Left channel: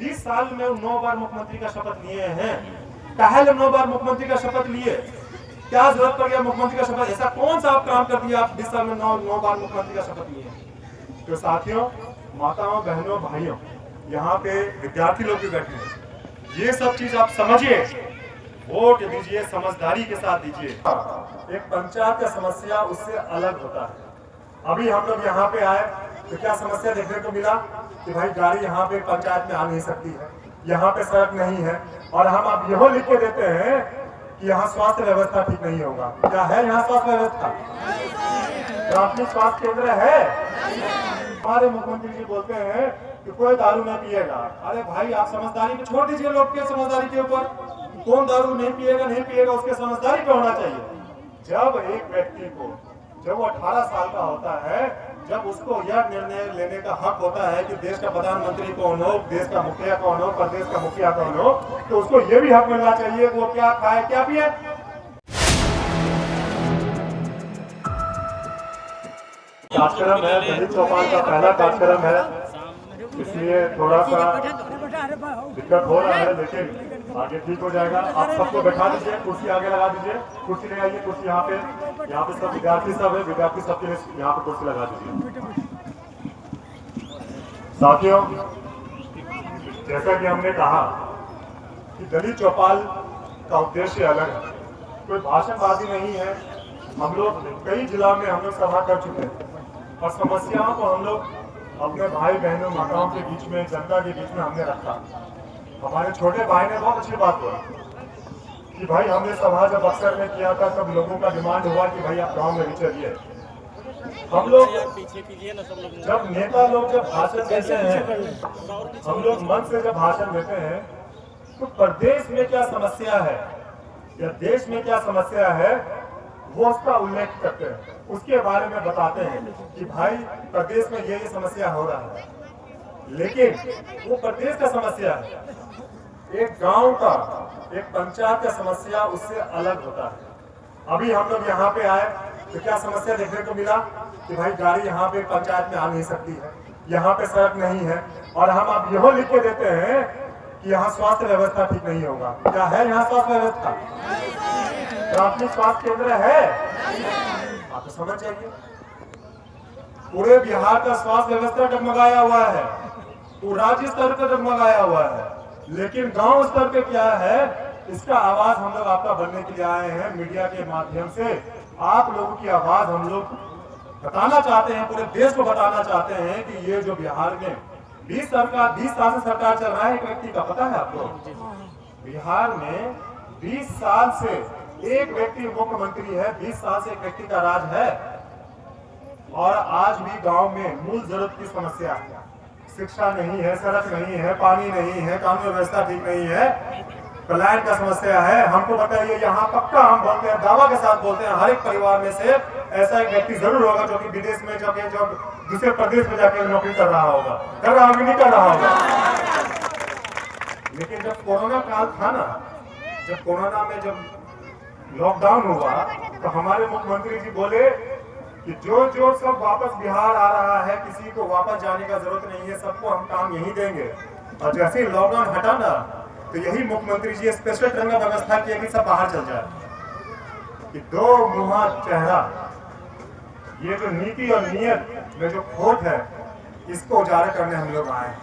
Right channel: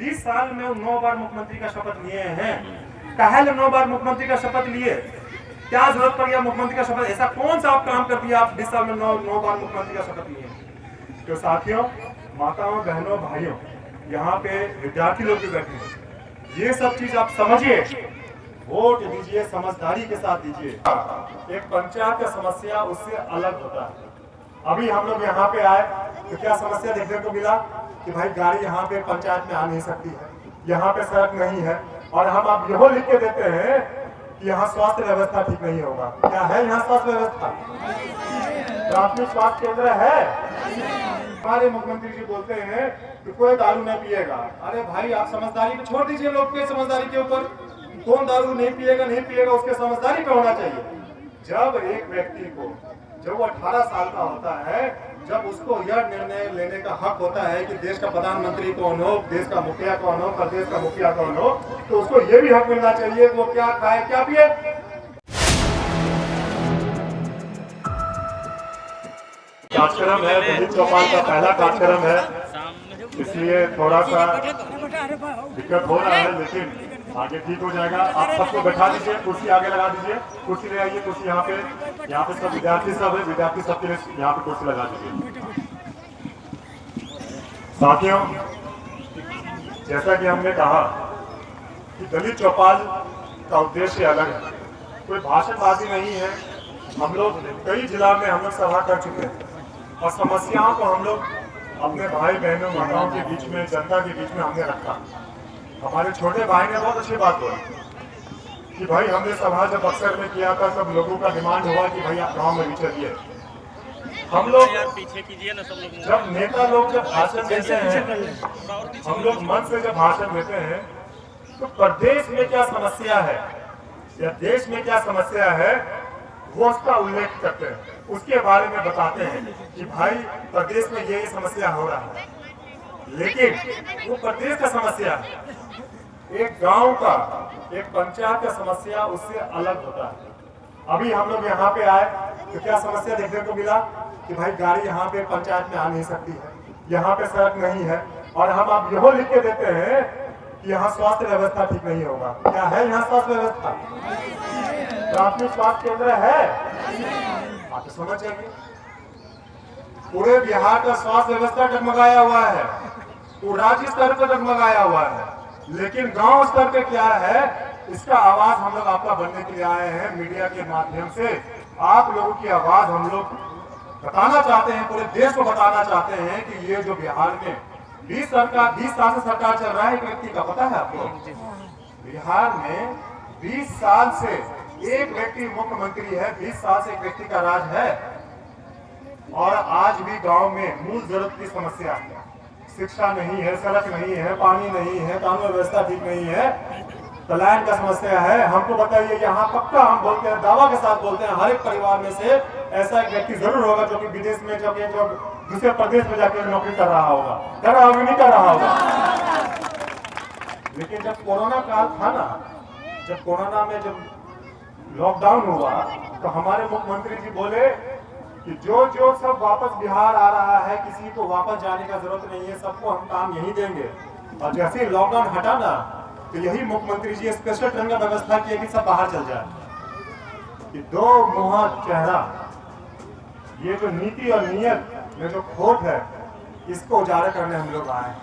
20 साल में 9 बार मुख्यमंत्री का शपथ लिए हैं। काहे 9 बार मुख्यमंत्री का शपथ लिए? क्या जरूरत पड़ गया मुख्यमंत्री का शपथ? ऐसा कौन सा आप काम कर दिया आप 20 साल में 9 बार मुख्यमंत्री का शपथ लिए हैं? तो साथियों, माताओं, बहनों, भाइयों, यहाँ पे विद्यार्थी लोग भी बैठे हैं, ये सब चीज आप समझिए, वोट दीजिए, समझदारी के साथ दीजिए। एक पंचायत का समस्या उससे अलग होता है। अभी हम लोग यहाँ पे आए तो क्या समस्या देखने को मिला कि भाई गाड़ी यहाँ पे पंचायत में आ नहीं सकती है, यहाँ पे सड़क नहीं है, और हम अब यह लिख के देते हैं कि यहाँ स्वास्थ्य व्यवस्था ठीक नहीं होगा। क्या है यहाँ स्वास्थ्य व्यवस्था? प्राथमिक स्वास्थ्य केंद्र है? हमारे मुख्यमंत्री जी बोलते हैं कि कोई दारू नहीं पिएगा। अरे भाई, आप समझदारी पे छोड़ दीजिए, लोग के समझदारी के ऊपर। कौन दारू नहीं पिएगा उसके समझदारी पे होना चाहिए। जब एक व्यक्ति को, जब वो 18 साल का होता है, जब उसको यह निर्णय लेने का हक होता है कि देश का प्रधानमंत्री कौन हो, देश का मुखिया कौन हो, प्रदेश का मुखिया कौन हो, तो उसको ये भी हक मिलना चाहिए कि वो क्या खाए क्या पिए। कार्यक्रम है, दलित चौपाल का पहला कार्यक्रम है, इसलिए थोड़ा सा दिक्कत हो रहा है, लेकिन आगे ठीक हो जाएगा। आप सबको बैठा दीजिए, कुर्सी आगे लगा दीजिए, कुर्सी ले आइए, कुर्सी यहाँ पे सब विद्यार्थी सब है, विद्यार्थी सबके यहाँ पे कुर्सी लगा दीजिए। साथियों, जैसा कि हमने कहा कि दलित चौपाल का उद्देश्य अलग है, कोई भाषणबाजी नहीं है। हम लोग कई जिला में हम लोग सभा कर चुके हैं और समस्याओं को हम लोग अपने भाई बहनों, माताओं के बीच में, जनता के बीच में हमने रखा। हमारे छोटे भाई ने बहुत अच्छी बात बोली कि भाई हमने सभा जब अक्सर में किया था, सब लोगों का डिमांड हुआ कि भाई आप गांव में भी चलिए। हम लोग पीछे कीजिए ना, सब लोग जब नेता लोग जब भाषण देते हैं, हम लोग मन से जब भाषण देते हैं, तो प्रदेश में क्या समस्या है या देश में क्या समस्या है वो उसका उल्लेख करते हैं, उसके बारे में बताते हैं कि भाई प्रदेश में ये समस्या हो रहा है। लेकिन वो प्रदेश का समस्या है, एक गांव का, एक पंचायत का समस्या उससे अलग होता है। अभी हम लोग यहाँ पे आए तो क्या समस्या देखने को मिला कि भाई गाड़ी यहाँ पे पंचायत में आ नहीं सकती है, यहाँ पे सड़क नहीं है, और हम अब यह लिख के देते हैं कि यहाँ स्वास्थ्य व्यवस्था ठीक नहीं होगा। क्या है यहाँ स्वास्थ्य व्यवस्था? प्राथमिक स्वास्थ्य केंद्र है? आप तो समझ जाइए, पूरे बिहार का स्वास्थ्य व्यवस्था डगमगाया हुआ है, वो राज्य स्तर पर डगमगाया हुआ है, लेकिन गांव स्तर पे क्या है, इसका आवाज हम लोग आपका बनने के लिए आए हैं। मीडिया के माध्यम से आप लोगों की आवाज हम लोग बताना चाहते हैं, पूरे देश को बताना चाहते हैं कि ये जो बिहार में 20 साल से सरकार चल रहा है, एक व्यक्ति का पता है आपको? बिहार में 20 साल से एक व्यक्ति मुख्यमंत्री है, 20 साल से एक व्यक्ति का राज है, और आज भी गांव में मूल जरूरत की समस्या है। शिक्षा नहीं है, सड़क नहीं है, पानी नहीं है, कानून व्यवस्था ठीक नहीं है, पलायन का समस्या है। हमको बताइए, यहाँ पक्का हम बोलते हैं, दावा के साथ बोलते हैं, हर एक परिवार में से ऐसा एक व्यक्ति जरूर होगा जो कि विदेश में जो दूसरे प्रदेश में जाके नौकरी कर रहा होगा, नहीं कर रहा होगा। लेकिन जब कोरोना काल था ना, जब कोरोना में जब लॉकडाउन हुआ, तो हमारे मुख्यमंत्री जी बोले कि जो सब वापस बिहार आ रहा है, किसी को वापस जाने का जरूरत नहीं है, सबको हम काम यही देंगे। और जैसे ही लॉकडाउन हटा ना, तो यही मुख्यमंत्री जी स्पेशल ट्रेन का व्यवस्था किया कि सब बाहर चल जाए। कि दो मुहा चेहरा, ये जो नीति और नियत में जो खोट है, इसको उजागर करने हम लोग आए।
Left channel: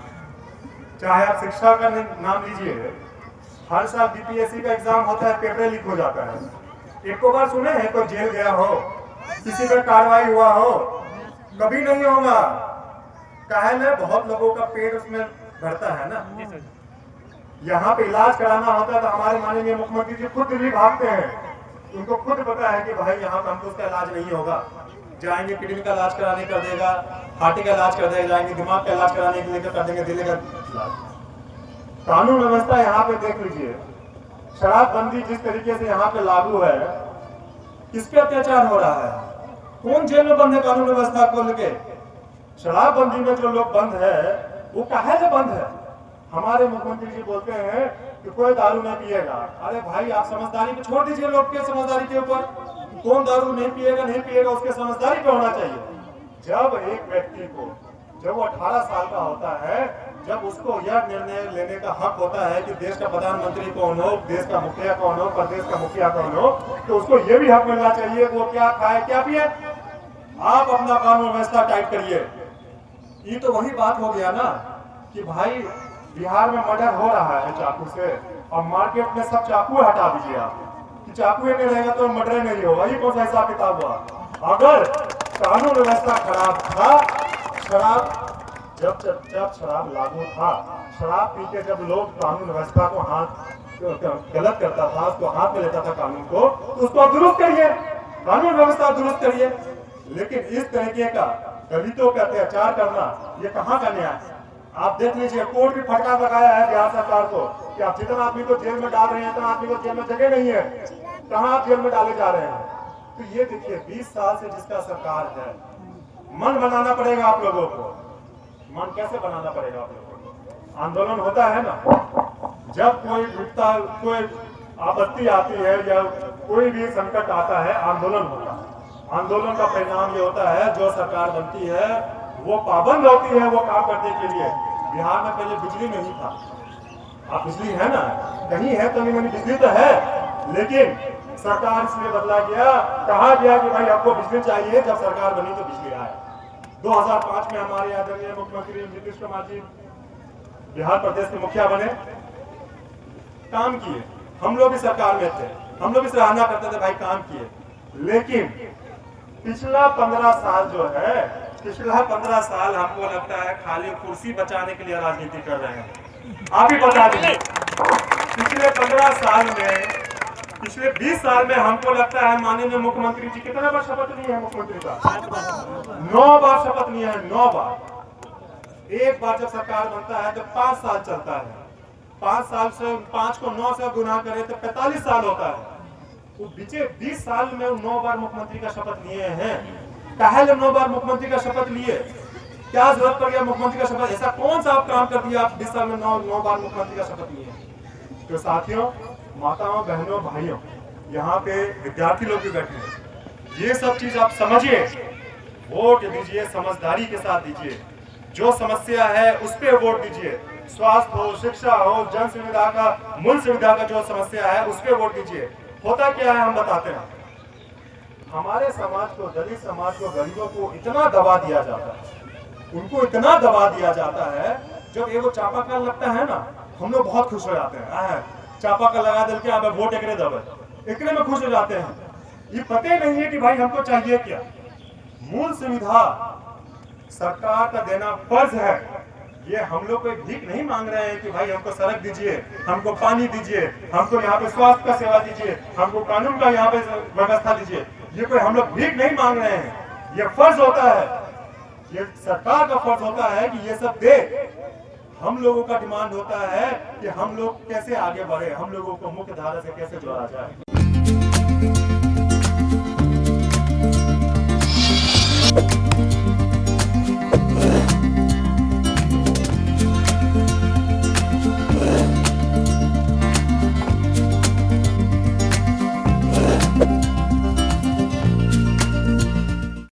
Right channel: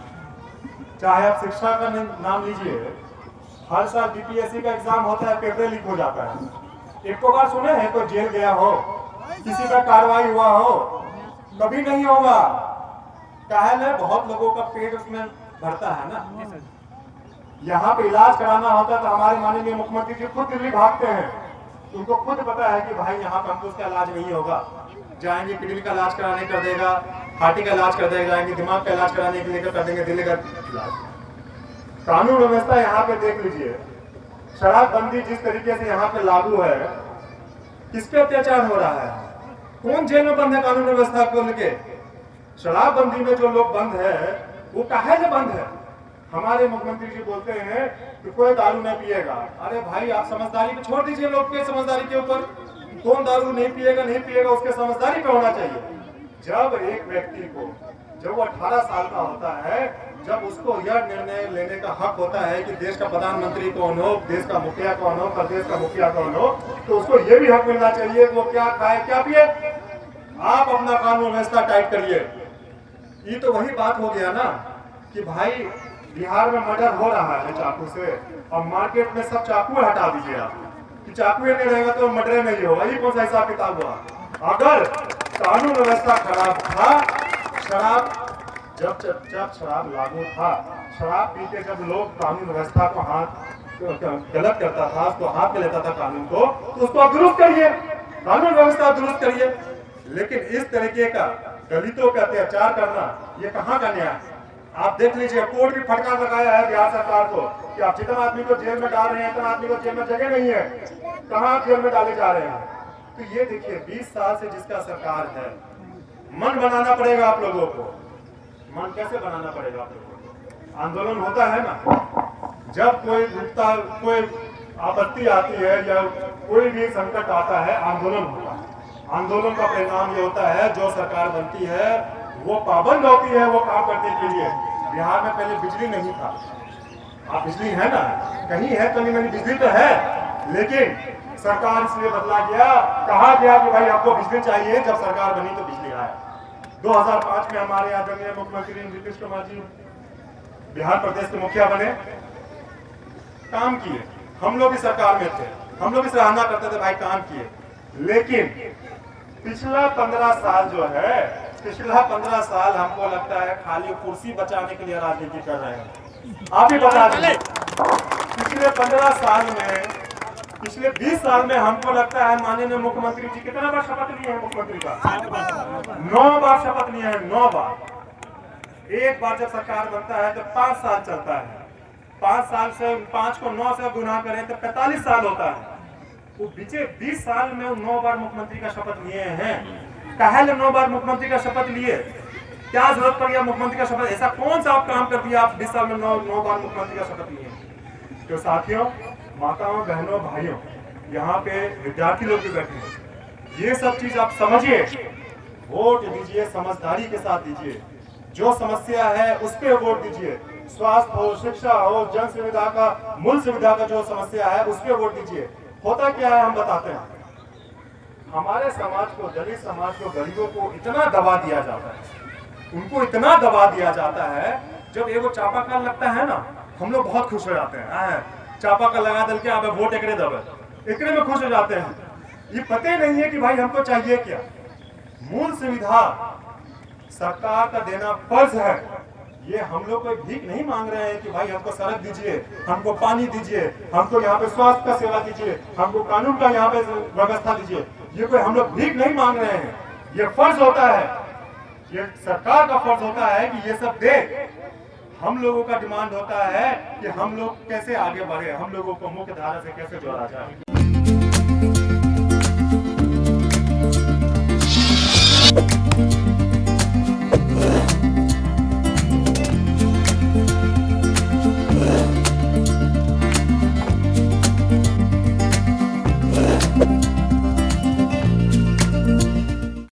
चाहे आप शिक्षा का नाम लीजिए, हर साल बीपीएससी का एग्जाम होता है, पेपर लीक हो जाता है। एक को बार सुने हैं कोई जेल गया हो, किसी का कार्रवाई हुआ हो? कभी नहीं होगा। काहे ना, बहुत लोगों का पेट उसमें भरता है ना। यहाँ पे इलाज कराना होता है तो हमारे माननीय मुख्यमंत्री जी खुद दिल्ली भागते हैं। उनको खुद पता है कि भाई यहाँ कंपोज का इलाज नहीं होगा, जाएंगे किडनी का इलाज कराने कर देगा, हार्टी का इलाज कर देगा, जाएंगे दिमाग का इलाज कराने के लिए कर देंगे दिल्ली का इलाज। कानून व्यवस्था यहाँ पे देख लीजिए, शराबबंदी जिस तरीके से यहाँ पे लागू है, किस पे अत्याचार हो रहा है? कौन जेल में बंद है कानून व्यवस्था को लेके? शराबबंदी में जो लोग बंद है वो काहे से बंद है? हमारे मुख्यमंत्री जी बोलते हैं कि कोई दारू नहीं पिएगा। अरे भाई, आप समझदारी पे छोड़ दीजिए, लोग के समझदारी के ऊपर। कौन दारू नहीं पिएगा उसके समझदारी पे होना चाहिए। जब एक व्यक्ति को, जब वो 18 साल का होता है, जब उसको यह निर्णय लेने का हक होता है कि देश का प्रधानमंत्री कौन हो, देश का मुखिया कौन हो, प्रदेश का मुखिया कौन हो, तो उसको ये भी हक मिलना चाहिए कि वो क्या खाए क्या पिए। आप अपना कानून व्यवस्था टाइट करिए। ये तो वही बात हो गया ना कि भाई बिहार में मर्डर हो रहा है चाकू से, और मार्केट में सब चाकू हटा दीजिए आप, कि चाकू नहीं रहेगा तो मर्डर नहीं होगा। ये कौन सा हिसाब किताब हुआ? अगर कानून व्यवस्था खराब था, शराब जब शराब लागू था, शराब पी के जब लोग कानून व्यवस्था को गलत करता था, उसको हाथ में लेता था कानून को, तो उसको आप दुरुस्त करिए, कानून व्यवस्था दुरुस्त करिए। लेकिन इस तरीके का दलितों पे अत्याचार करना, ये कहाँ का न्याय? आप देख लीजिए, कोर्ट भी फटकार लगाया है बिहार सरकार को कि आप जितना आदमी को जेल में डाल रहे हैं, इतना आदमी को जेल में जगह नहीं है, कहाँ आप जेल में डाले जा रहे हैं? तो ये देखिए 20 साल से जिसका सरकार है, मन बनाना पड़ेगा आप लोगों को। मन कैसे बनाना पड़ेगा आप लोगों को? आंदोलन होता है ना, जब कोई आपत्ति आती है या कोई भी संकट आता है, आंदोलन होता है। आंदोलन का परिणाम ये होता है, जो सरकार बनती है वो पाबंद होती है वो काम करने के लिए। बिहार में पहले बिजली नहीं था, आप बिजली है ना, कहीं है तो नहीं, बिजली तो है, लेकिन सरकार इसलिए बदला गया, कहा गया कि भाई आपको बिजली चाहिए, जब सरकार बनी तो बिजली आया। 2005 में हमारे आदरणीय मुख्यमंत्री नीतीश कुमार जी बिहार प्रदेश के मुखिया बने, काम किए, हम लोग भी सरकार में थे, हम लोग भी सराहना करते थे भाई काम किए। लेकिन पिछला 15 साल जो है, पिछला 15 साल हमको लगता है खाली कुर्सी बचाने के लिए राजनीति कर रहे हैं। आप ही बता दीजिए, पिछले 15 साल में, पिछले 20 साल में हमको लगता है माननीय मुख्यमंत्री जी कितने बार शपथ लिए हैं? मुख्यमंत्री का 9 बार शपथ लिए हैं, 9 बार। एक बार जब सरकार बनता है तो 5 साल चलता है, 5 साल से 5 को 9 से गुना करें तो 45 साल होता है। वो बीचे 20 साल में 9 बार मुख्यमंत्री का शपथ लिए हैं। काहे 9 बार मुख्यमंत्री का शपथ लिए? क्या जरूरत पड़ गया मुख्यमंत्री का शपथ? ऐसा कौन सा आप काम कर दिया आप 20 साल में 9 बार मुख्यमंत्री का शपथ लिए? तो साथियों, माताओं, बहनों, भाइयों, यहाँ पे विद्यार्थी लोग भी बैठे हैं, ये सब चीज आप समझिए, वोट दीजिए, समझदारी के साथ दीजिए, जो समस्या है उस पर वोट दीजिए। स्वास्थ्य हो, शिक्षा हो, जन सुविधा का, मूल सुविधा का जो समस्या है उस पर वोट दीजिए। होता क्या है हम बताते हैं, हमारे समाज को, दलित समाज को, गरीबों को इतना दबा दिया जाता है, उनको इतना दबा दिया जाता है, जब एगो चापाकल लगता है ना, हम लोग बहुत खुश हो जाते हैं, चापाकल लगा दल के आप वोट एकरे दबे, एकरे में खुश हो जाते हैं। ये पता ही नहीं है कि भाई हमको चाहिए क्या। मूल सुविधा सरकार का देना फर्ज है। ये हम लोग कोई भीख नहीं मांग रहे हैं कि भाई हमको सड़क दीजिए, हमको पानी दीजिए, हमको यहाँ पे स्वास्थ्य का सेवा दीजिए, हमको कानून का यहाँ पे व्यवस्था दीजिए। ये कोई हम लोग भीख नहीं मांग रहे हैं, ये फर्ज होता है, ये सरकार का फर्ज होता है कि ये सब दे। हम लोगों का डिमांड होता है कि हम लोग कैसे आगे बढ़े, हम लोगों को मुख्य धारा से कैसे जोड़ा जाए।